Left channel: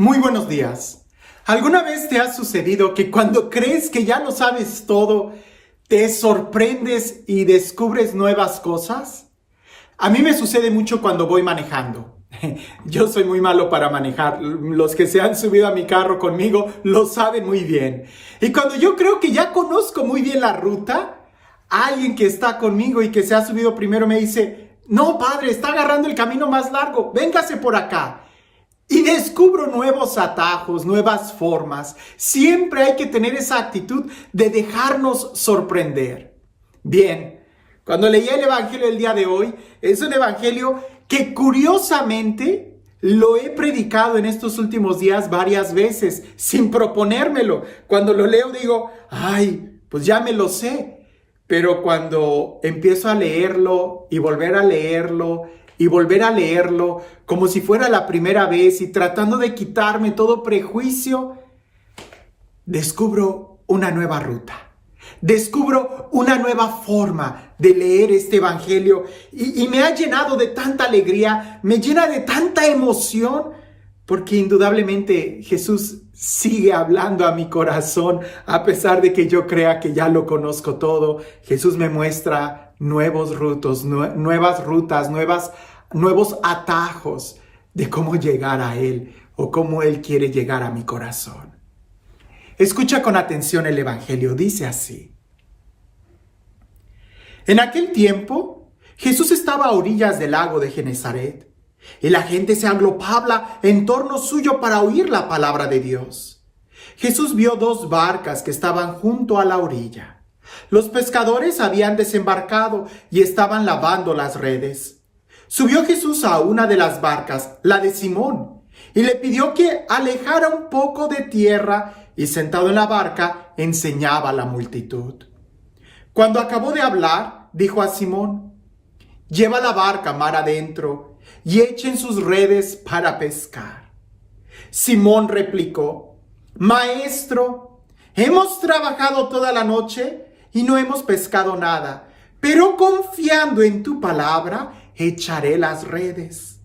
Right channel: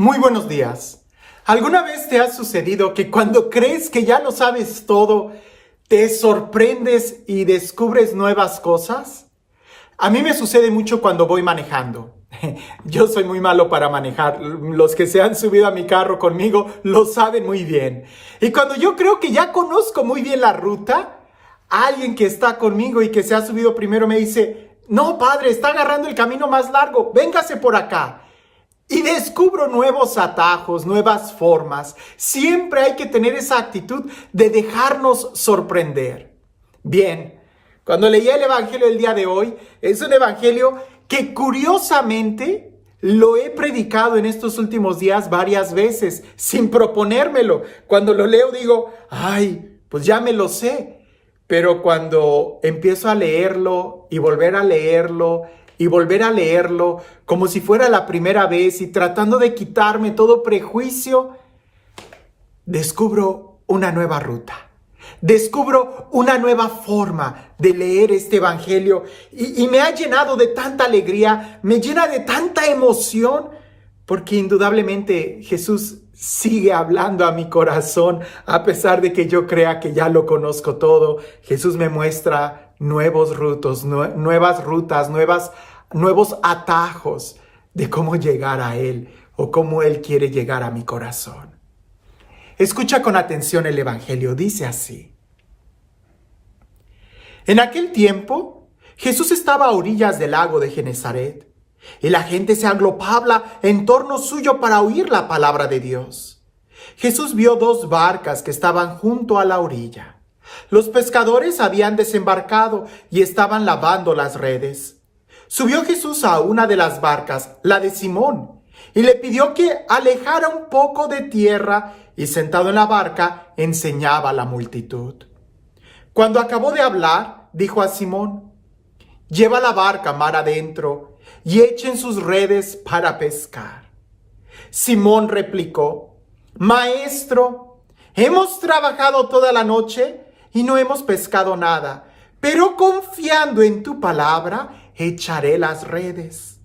Muy buenos días. ¿Alguna vez te ha sucedido que cuando crees que ya lo sabes todo, te sorprendes y descubres nuevas cosas? A mí me sucede mucho cuando voy manejando. Yo soy muy malo para manejar. Los que se han subido a mi carro conmigo lo saben muy bien. Y cuando yo creo que ya conozco muy bien la ruta, alguien que está conmigo y que se ha subido primero me dice: "No, padre, está agarrando el camino más largo, véngase por acá". Y descubro nuevos atajos, nuevas formas. Siempre hay que tener esa actitud de dejarnos sorprender. Bien, cuando leí el evangelio del día de hoy, es un evangelio que curiosamente lo he predicado en estos últimos días varias veces, sin proponérmelo. Cuando lo leo digo, pues ya me lo sé. Pero cuando empiezo a leerlo y volver a leerlo y volver a leerlo como si fuera la primera vez y tratando de quitarme todo prejuicio, descubro una nueva ruta. Descubro una nueva forma de leer este evangelio y me ha llenado de tanta alegría, me llena de tanta emoción, porque indudablemente Jesús sigue hablando a mi corazón, a pesar de que yo crea que ya lo conozco todo. Jesús me muestra nuevos rutos, nuevas rutas, nuevos atajos de cómo llegar a Él o cómo Él quiere llegar a mi corazón. Escucha con atención el evangelio, dice así. En aquel tiempo, Jesús estaba a orillas del lago de Genesaret, y la gente se agrupaba en torno suyo para oír la palabra de Dios. Jesús vio 2 barcas que estaban junto a la orilla. Los pescadores habían desembarcado y estaban lavando las redes. Subió Jesús a una de las barcas, la de Simón, y le pidió que alejara un poco de tierra, y sentado en la barca enseñaba a la multitud. Cuando acabó de hablar, dijo a Simón: "Lleva la barca mar adentro y echen sus redes para pescar". Simón replicó: "Maestro, hemos trabajado toda la noche y no hemos pescado nada, pero confiando en tu palabra, echaré las redes".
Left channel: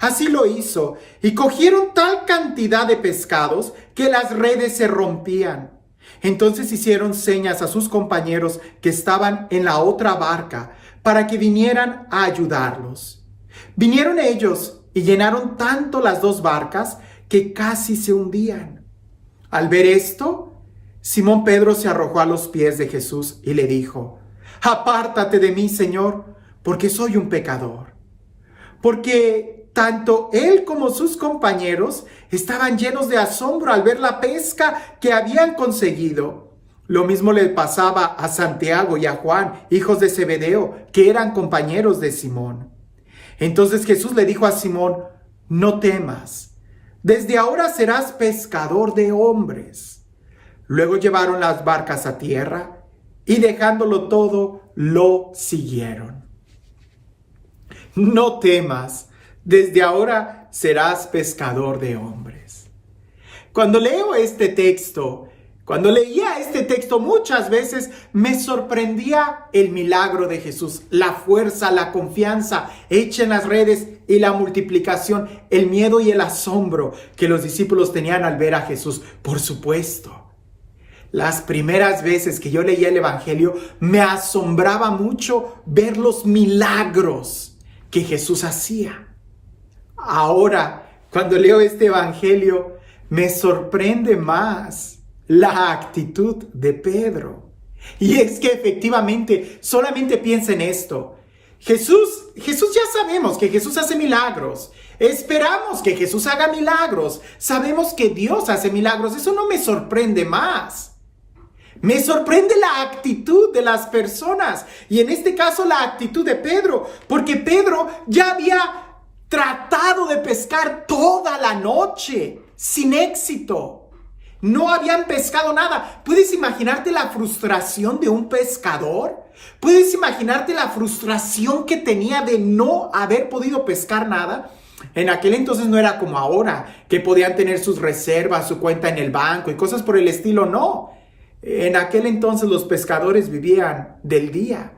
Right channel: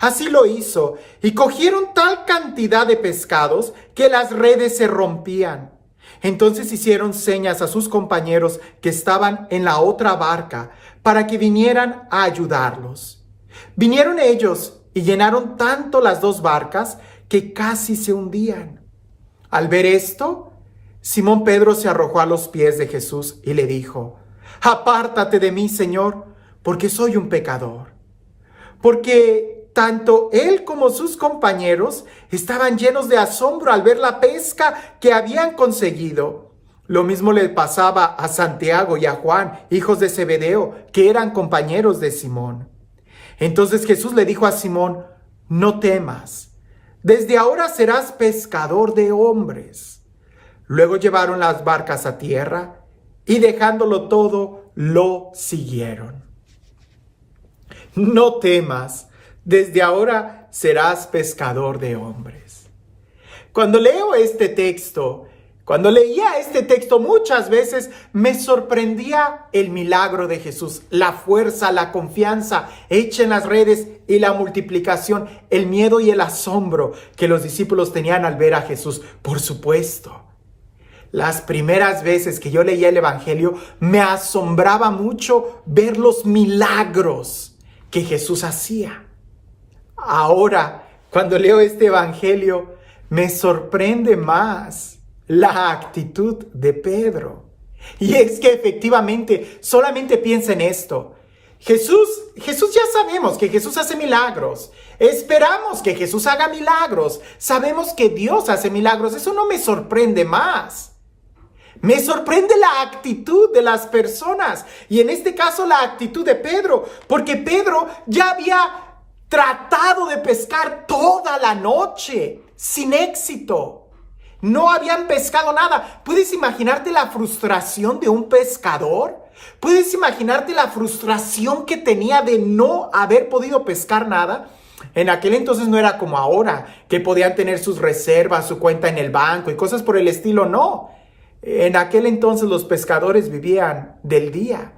Así lo hizo, y cogieron tal cantidad de pescados que las redes se rompían. Entonces hicieron señas a sus compañeros que estaban en la otra barca para que vinieran a ayudarlos. Vinieron ellos y llenaron tanto las 2 barcas que casi se hundían. Al ver esto, Simón Pedro se arrojó a los pies de Jesús y le dijo: "Apártate de mí, Señor, porque soy un pecador". Porque tanto él como sus compañeros estaban llenos de asombro al ver la pesca que habían conseguido. Lo mismo le pasaba a Santiago y a Juan, hijos de Zebedeo, que eran compañeros de Simón. Entonces Jesús le dijo a Simón: "No temas, desde ahora serás pescador de hombres". Luego llevaron las barcas a tierra y dejándolo todo, lo siguieron. No temas, desde ahora serás pescador de hombres. Cuando leía este texto, muchas veces me sorprendía el milagro de Jesús, la fuerza, la confianza hecha en las redes y la multiplicación, el miedo y el asombro que los discípulos tenían al ver a Jesús. Por supuesto, las primeras veces que yo leía el evangelio me asombraba mucho ver los milagros que Jesús hacía. Ahora, cuando leo este evangelio, me sorprende más la actitud de Pedro. Y es que efectivamente, solamente piensa en esto. Jesús ya sabemos que Jesús hace milagros. Esperamos que Jesús haga milagros. Sabemos que Dios hace milagros. Eso no me sorprende más. Me sorprende la actitud de las personas. Y en este caso la actitud de Pedro. Porque Pedro ya había tratado de pescar toda la noche sin éxito. No habían pescado nada. ¿Puedes imaginarte la frustración de un pescador? ¿Puedes imaginarte la frustración que tenía de no haber podido pescar nada? En aquel entonces no era como ahora, que podían tener sus reservas, su cuenta en el banco y cosas por el estilo. No. En aquel entonces los pescadores vivían del día.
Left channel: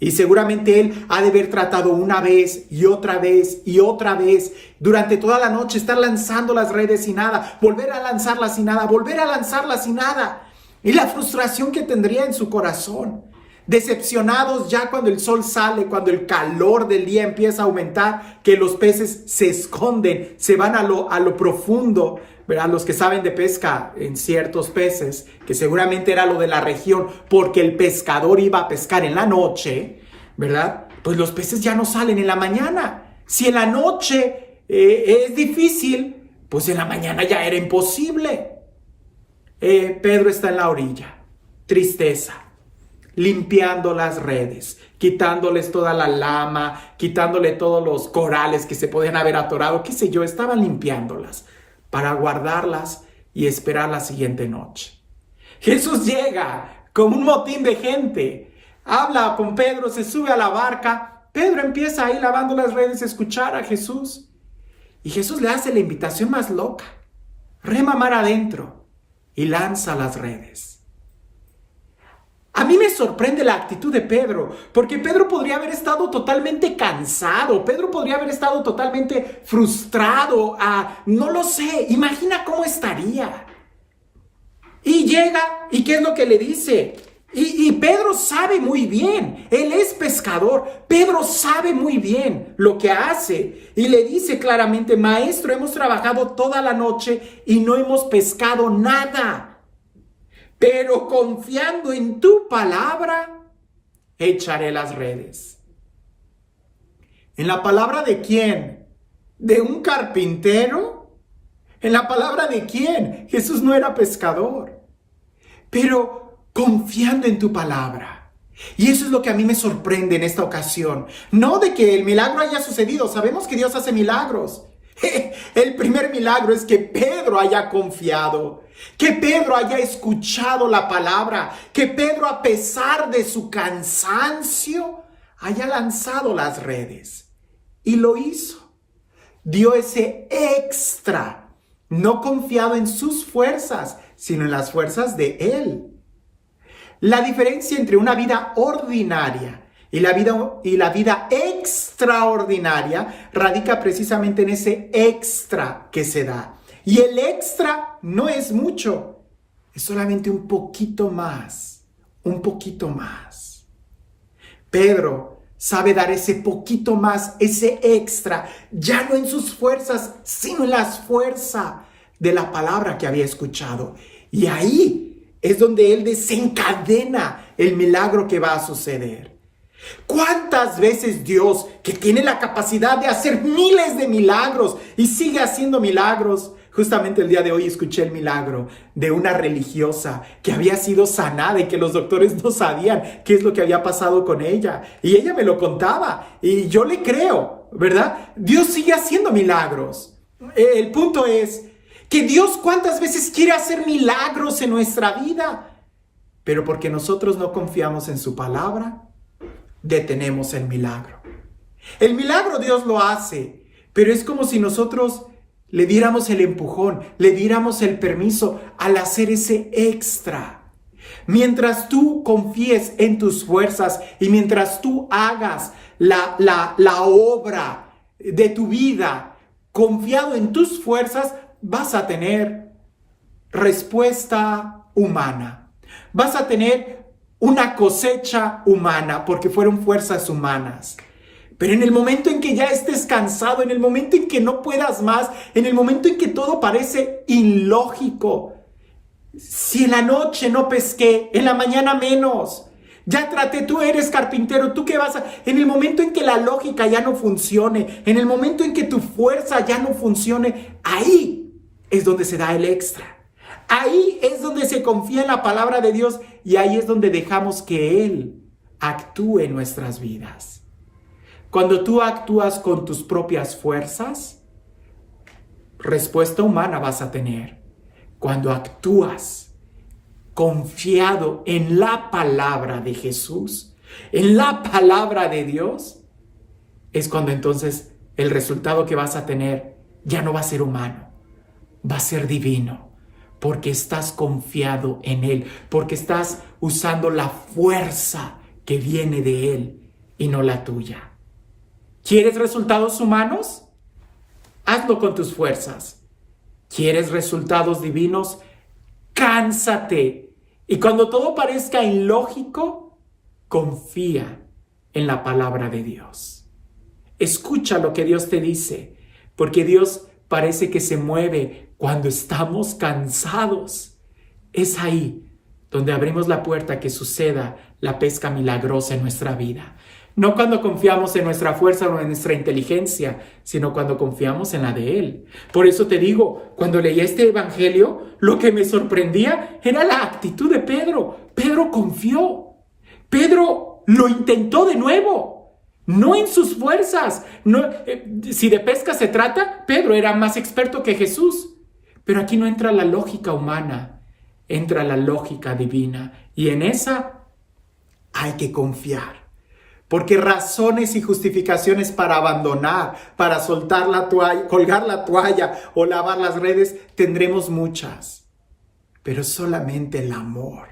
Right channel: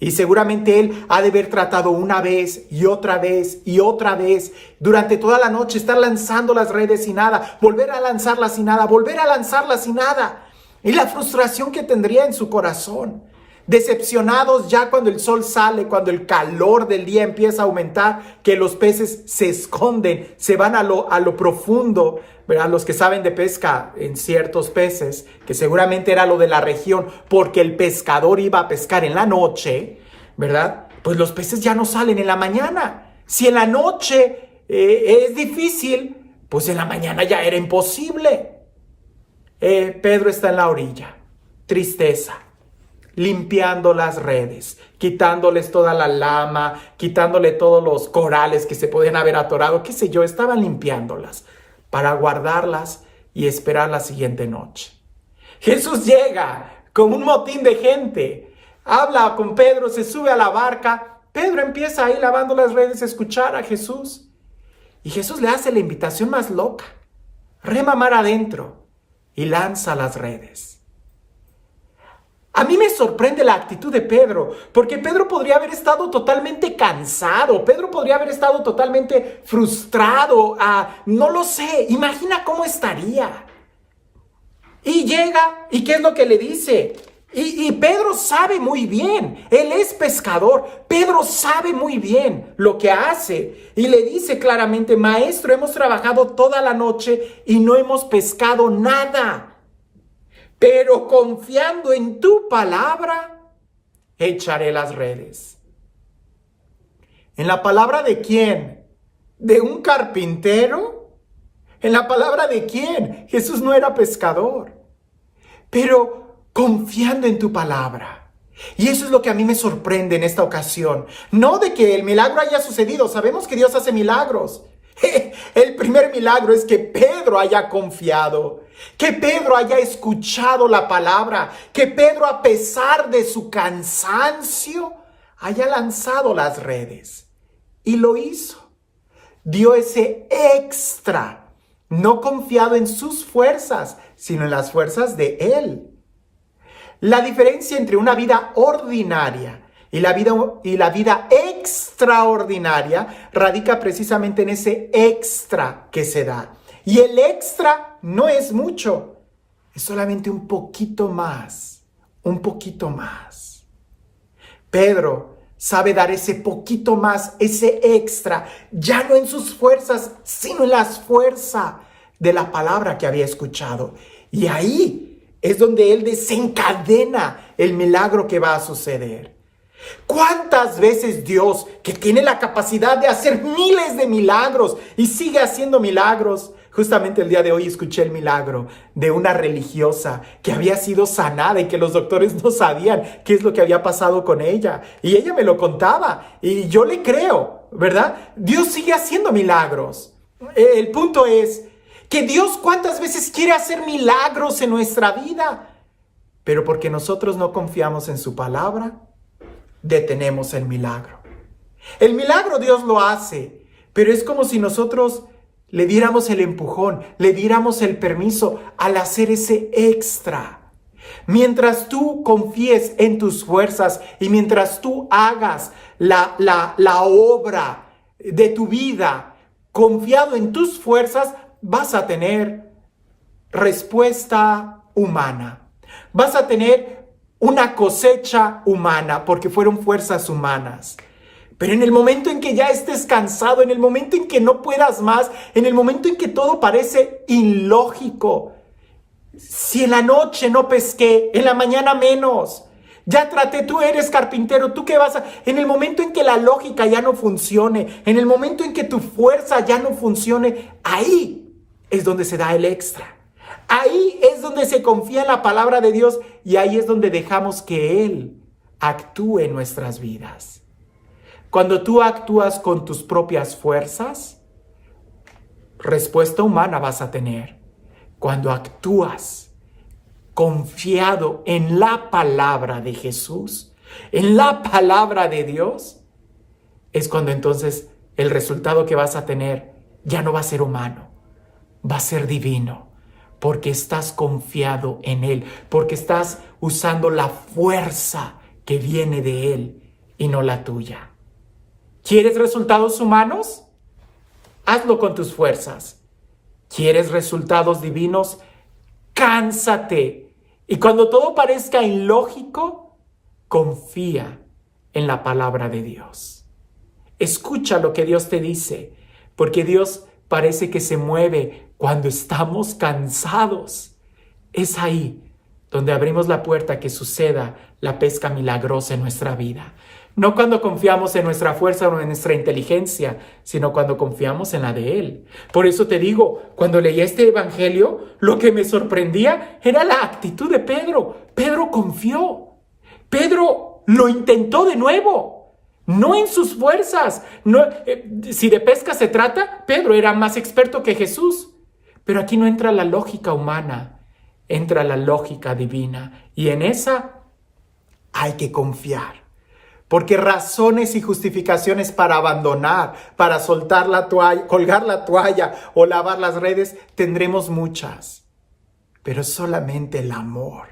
Y seguramente él ha de haber tratado una vez y otra vez y otra vez durante toda la noche, estar lanzando las redes y nada, volver a lanzarlas y nada, volver a lanzarlas y nada. Y la frustración que tendría en su corazón. Decepcionados ya cuando el sol sale, cuando el calor del día empieza a aumentar, que los peces se esconden, se van a lo profundo, ¿verdad? Los que saben de pesca en ciertos peces, que seguramente era lo de la región, porque el pescador iba a pescar en la noche, ¿verdad? Pues los peces ya no salen en la mañana. Si en la noche es difícil, pues en la mañana ya era imposible. Pedro está en la orilla, tristeza, limpiando las redes, quitándoles toda la lama, quitándole todos los corales que se podían haber atorado, qué sé yo, estaban limpiándolas para guardarlas y esperar la siguiente noche. Jesús llega con un motín de gente, habla con Pedro, se sube a la barca, Pedro empieza ahí lavando las redes a escuchar a Jesús y Jesús le hace la invitación más loca, rema mar adentro y lanza las redes. A mí me sorprende la actitud de Pedro, porque Pedro podría haber estado totalmente cansado, Pedro podría haber estado totalmente frustrado, no lo sé, imagina cómo estaría. Y llega, ¿y qué es lo que le dice? Y Pedro sabe muy bien, él es pescador, Pedro sabe muy bien lo que hace y le dice claramente, maestro, hemos trabajado toda la noche y no hemos pescado nada, pero confiando en tu palabra, echaré las redes. ¿En la palabra de quién? ¿De un carpintero? ¿En la palabra de quién? Jesús no era pescador, pero confiando en tu palabra. Y eso es lo que a mí me sorprende en esta ocasión. No de que el milagro haya sucedido. Sabemos que Dios hace milagros. El primer milagro es que Pedro haya confiado. Que Pedro haya escuchado la palabra. Que Pedro, a pesar de su cansancio, haya lanzado las redes. Y lo hizo. Dio ese extra. No confiado en sus fuerzas, sino en las fuerzas de Él. La diferencia entre una vida ordinaria y la vida extraordinaria radica precisamente en ese extra que se da. Y el extra no es mucho, es solamente un poquito más, un poquito más. Pedro sabe dar ese poquito más, ese extra, ya no en sus fuerzas, sino en las fuerzas de la palabra que había escuchado. Y ahí es donde Él desencadena el milagro que va a suceder. ¿Cuántas veces Dios, que tiene la capacidad de hacer miles de milagros y sigue haciendo milagros? Justamente el día de hoy escuché el milagro de una religiosa que había sido sanada y que los doctores no sabían qué es lo que había pasado con ella. Y ella me lo contaba y yo le creo, ¿verdad? Dios sigue haciendo milagros. El punto es que Dios cuántas veces quiere hacer milagros en nuestra vida, pero porque nosotros no confiamos en su palabra, detenemos el milagro. El milagro Dios lo hace, pero es como si nosotros le diéramos el empujón, le diéramos el permiso al hacer ese extra. Mientras tú confíes en tus fuerzas y mientras tú hagas la obra de tu vida confiado en tus fuerzas, vas a tener respuesta humana. Vas a tener una cosecha humana porque fueron fuerzas humanas. Pero en el momento en que ya estés cansado, en el momento en que no puedas más, en el momento en que todo parece ilógico, si en la noche no pesqué, en la mañana menos, ya traté, tú eres carpintero, ¿tú qué vas a...? En el momento en que la lógica ya no funcione, en el momento en que tu fuerza ya no funcione, ahí es donde se da el extra. Ahí es donde se confía en la palabra de Dios y ahí es donde dejamos que Él actúe en nuestras vidas. Cuando tú actúas con tus propias fuerzas, respuesta humana vas a tener. Cuando actúas confiado en la palabra de Jesús, en la palabra de Dios, es cuando entonces el resultado que vas a tener ya no va a ser humano, va a ser divino, porque estás confiado en Él, porque estás usando la fuerza que viene de Él y no la tuya. ¿Quieres resultados humanos? Hazlo con tus fuerzas. ¿Quieres resultados divinos? Cánsate. Y cuando todo parezca ilógico, confía en la palabra de Dios. Escucha lo que Dios te dice, porque Dios parece que se mueve cuando estamos cansados. Es ahí donde abrimos la puerta a que suceda la pesca milagrosa en nuestra vida. No cuando confiamos en nuestra fuerza o en nuestra inteligencia, sino cuando confiamos en la de Él. Por eso te digo, cuando leí este evangelio, lo que me sorprendía era la actitud de Pedro. Pedro confió. Pedro lo intentó de nuevo. No en sus fuerzas. No, si de pesca se trata, Pedro era más experto que Jesús. Pero aquí no entra la lógica humana, entra la lógica divina. Y en esa hay que confiar. Porque razones y justificaciones para abandonar, para soltar la toalla, colgar la toalla o lavar las redes, tendremos muchas. Pero solamente el amor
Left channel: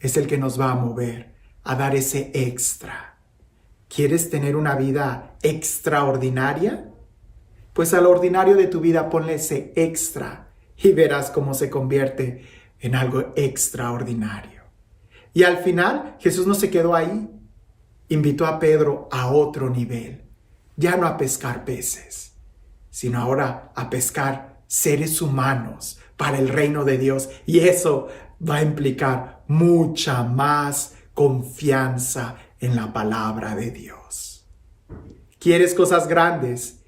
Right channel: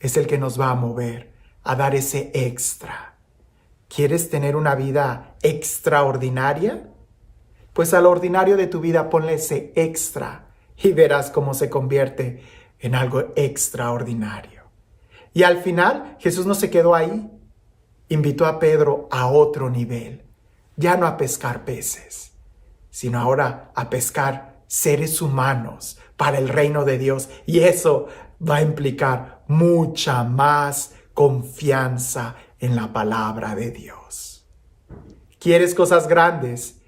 es el que nos va a mover a dar ese extra. ¿Quieres tener una vida extraordinaria? Pues al ordinario de tu vida ponle ese extra y verás cómo se convierte en algo extraordinario. Y al final Jesús no se quedó ahí. Invitó a Pedro a otro nivel, ya no a pescar peces, sino ahora a pescar seres humanos para el reino de Dios. Y eso va a implicar mucha más confianza en la palabra de Dios. ¿Quieres cosas grandes?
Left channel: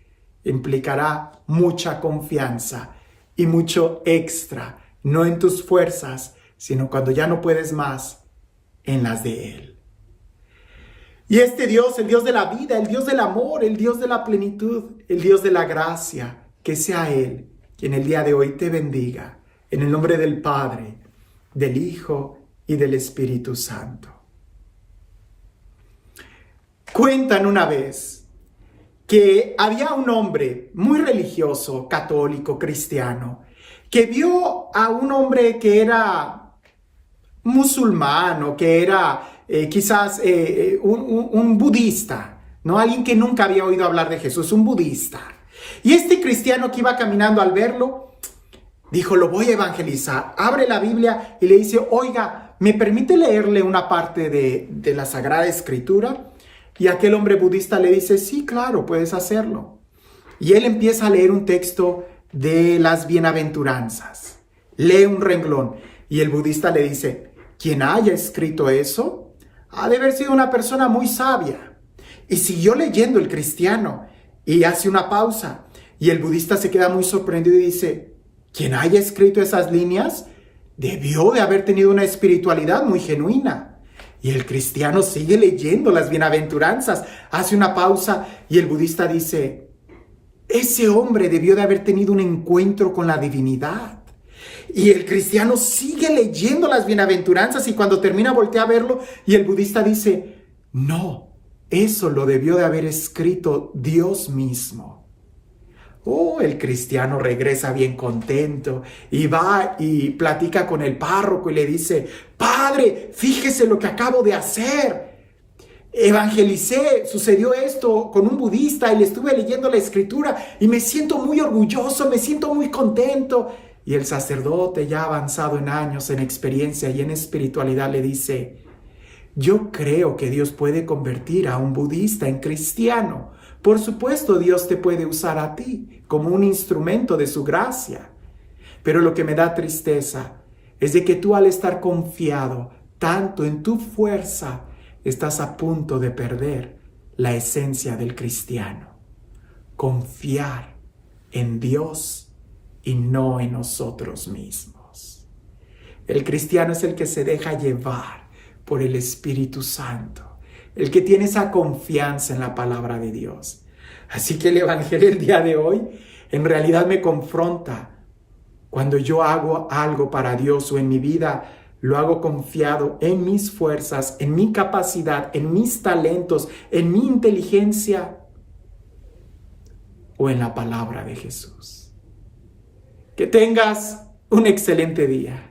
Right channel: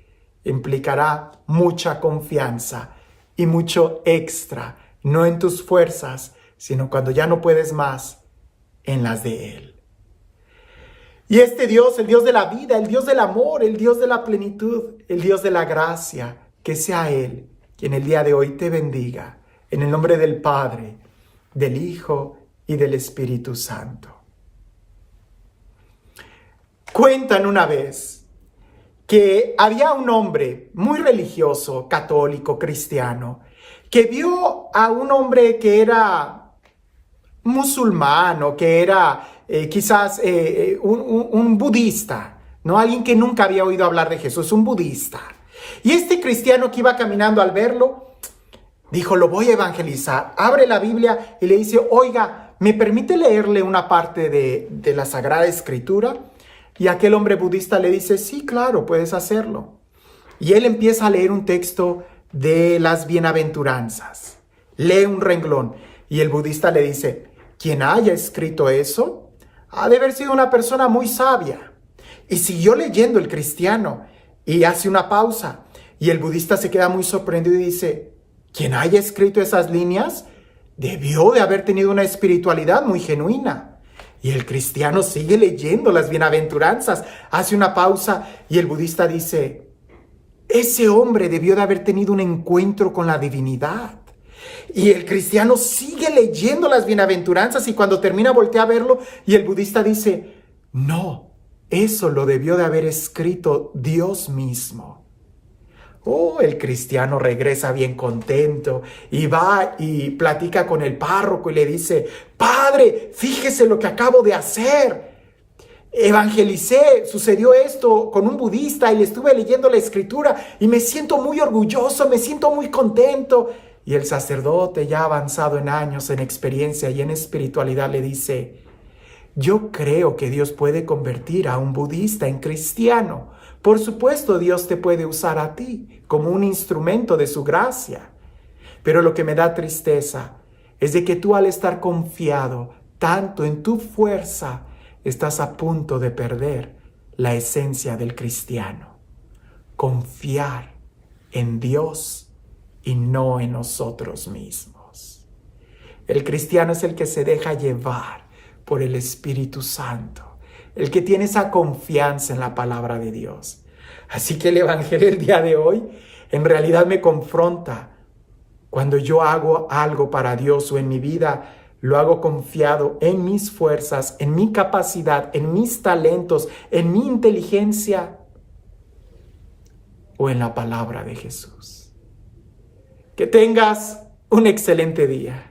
Implicará mucha confianza y mucho extra, no en tus fuerzas, sino cuando ya no puedes más, en las de Él. Y este Dios, el Dios de la vida, el Dios del amor, el Dios de la plenitud, el Dios de la gracia, que sea Él quien el día de hoy te bendiga, en el nombre del Padre, del Hijo y del Espíritu Santo. Cuentan una vez que había un hombre muy religioso, católico, cristiano, que vio a un hombre que era musulmán o que era quizás un budista, ¿no? Alguien que nunca había oído hablar de Jesús, un budista. Y este cristiano que iba caminando al verlo, dijo, lo voy a evangelizar. Abre la Biblia y le dice, oiga, ¿me permite leerle una parte de la Sagrada Escritura? Y aquel hombre budista le dice, sí, claro, puedes hacerlo. Y él empieza a leer un texto de las bienaventuranzas. Lee un renglón y el budista le dice, quien haya escrito eso ha de haber sido una persona muy sabia. Y siguió leyendo el cristiano y hace una pausa. Y el budista se queda muy sorprendido y dice, quien haya escrito esas líneas debió de haber tenido una espiritualidad muy genuina. Y el cristiano sigue leyendo las bienaventuranzas, hace una pausa y el budista dice, ese hombre debió de haber tenido un encuentro con la divinidad. Y el cristiano sigue leyendo las bienaventuranzas y cuando termina voltea a verlo y el budista dice, no, eso lo debió de haber escrito Dios mismo. Oh, el cristiano regresa bien contento y va y platica con el párroco y le dice, padre, fíjese lo que acabo de hacer. Evangelicé, sucedió esto con un budista y estuve leyendo la escritura y me siento muy orgulloso, me siento muy contento. Y el sacerdote, ya avanzado en años, en experiencia y en espiritualidad, le dice, yo creo que Dios puede convertir a un budista en cristiano. Por supuesto, Dios te puede usar a ti como un instrumento de su gracia. Pero lo que me da tristeza es de que tú, al estar confiado tanto en tu fuerza, estás a punto de perder la esencia del cristiano. Confiar en Dios y no en nosotros mismos. El cristiano es el que se deja llevar por el Espíritu Santo, el que tiene esa confianza en la palabra de Dios. Así que el evangelio del día de hoy en realidad me confronta. Cuando yo hago algo para Dios o en mi vida, lo hago confiado en mis fuerzas, en mi capacidad, en mis talentos, en mi inteligencia o en la palabra de Jesús. Que tengas un excelente día.